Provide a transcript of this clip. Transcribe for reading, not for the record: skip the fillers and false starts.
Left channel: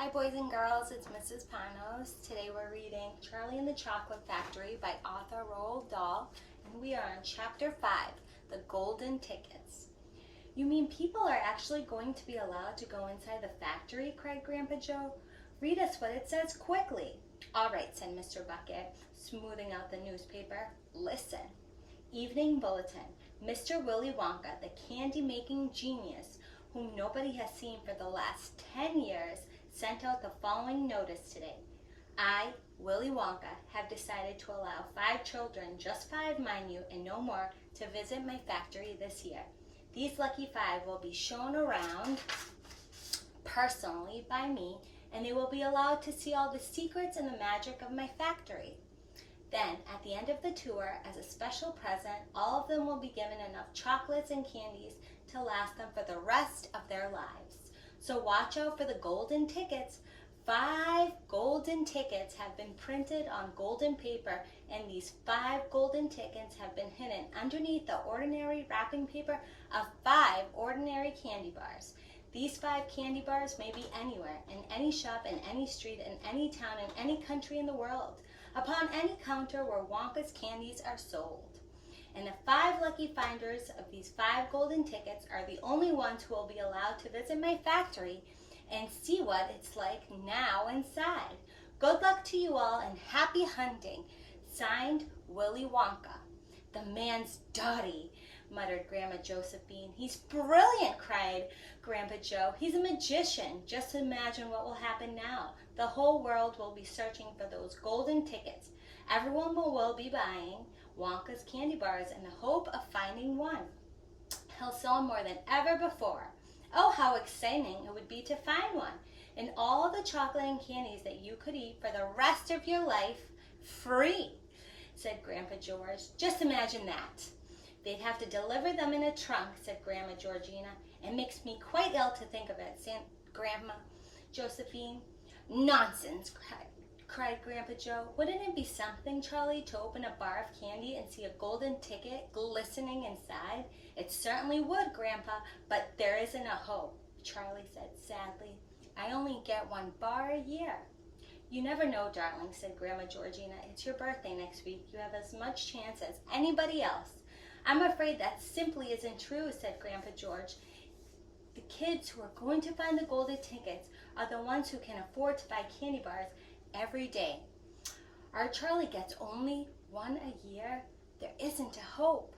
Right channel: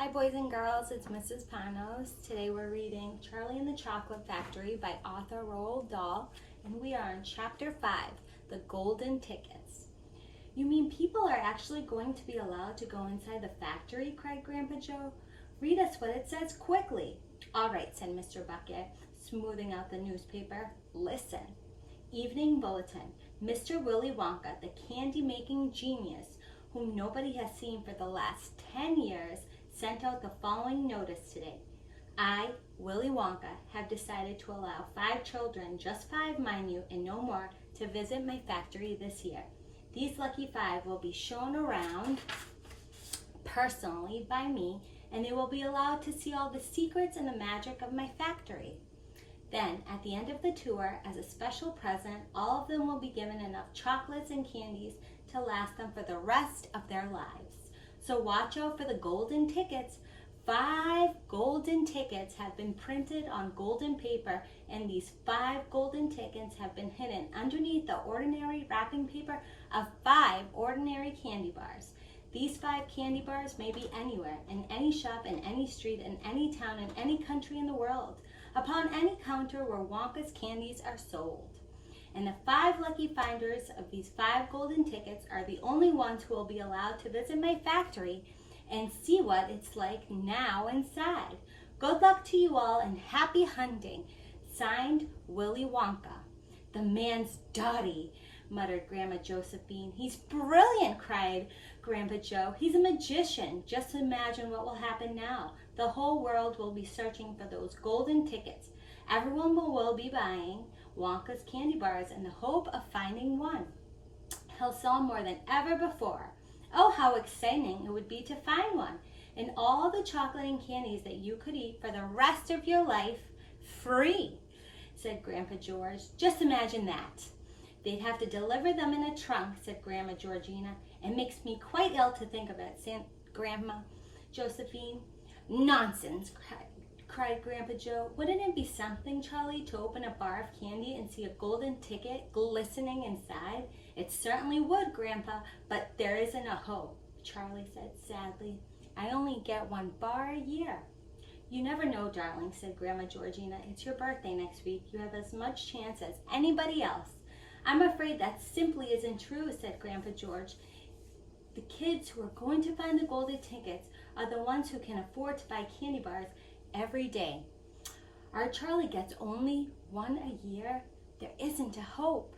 Hi boys and girls, it's Mrs. Panos. Today we're reading Charlie and the Chocolate Factory by author Roald Dahl, and we are in Chapter 5, The Golden Tickets. You mean people are actually going to be allowed to go inside the factory? Cried Grandpa Joe. Read us what it says quickly. All right, said Mr. Bucket, smoothing out the newspaper. Listen. Evening Bulletin. Mr. Willy Wonka, the candy-making genius, whom nobody has seen for the last 10 years, sent out the following notice today. I, Willy Wonka, have decided to allow 5 children, just 5 mind you, and no more, to visit my factory this year. These lucky 5 will be shown around personally by me, and they will be allowed to see all the secrets and the magic of my factory. Then, at the end of the tour, as a special present, all of them will be given enough chocolates and candies to last them for the rest of their lives. So watch out for the golden tickets. 5 golden tickets have been printed on golden paper, and these 5 golden tickets have been hidden underneath the ordinary wrapping paper of 5 ordinary candy bars. These 5 candy bars may be anywhere, in any shop, in any street, in any town, in any country in the world, upon any counter where Wonka's candies are sold. And the 5 lucky finders of these 5 golden tickets are the only ones who will be allowed to visit my factory and see what it's like now inside. Good luck to you all and happy hunting. Signed, Willy Wonka. The man's dotty, muttered Grandma Josephine. He's brilliant, cried Grandpa Joe. He's a magician. Just imagine what will happen now. The whole world will be searching for those golden tickets. Everyone will be buying Wonka's candy bars in the hope of finding one. He'll sell more than ever before. Oh, how exciting it would be to find one. And all the chocolate and candies that you could eat for the rest of your life, free, said Grandpa George. Just imagine that. They'd have to deliver them in a trunk, said Grandma Georgina. It makes me quite ill to think of it, said Grandma Josephine. Nonsense, cried Grandpa Joe. Wouldn't it be something, Charlie, to open a bar of candy and see a golden ticket glistening inside? It certainly would, Grandpa, but there isn't a hope, Charlie said sadly. I only get 1 bar a year. You never know, darling, said Grandma Georgina. It's your birthday next week. You have as much chance as anybody else. I'm afraid that simply isn't true, said Grandpa George. The kids who are going to find the golden tickets are the ones who can afford to buy candy bars every day. Our Charlie gets only 1 a year. There isn't a hope.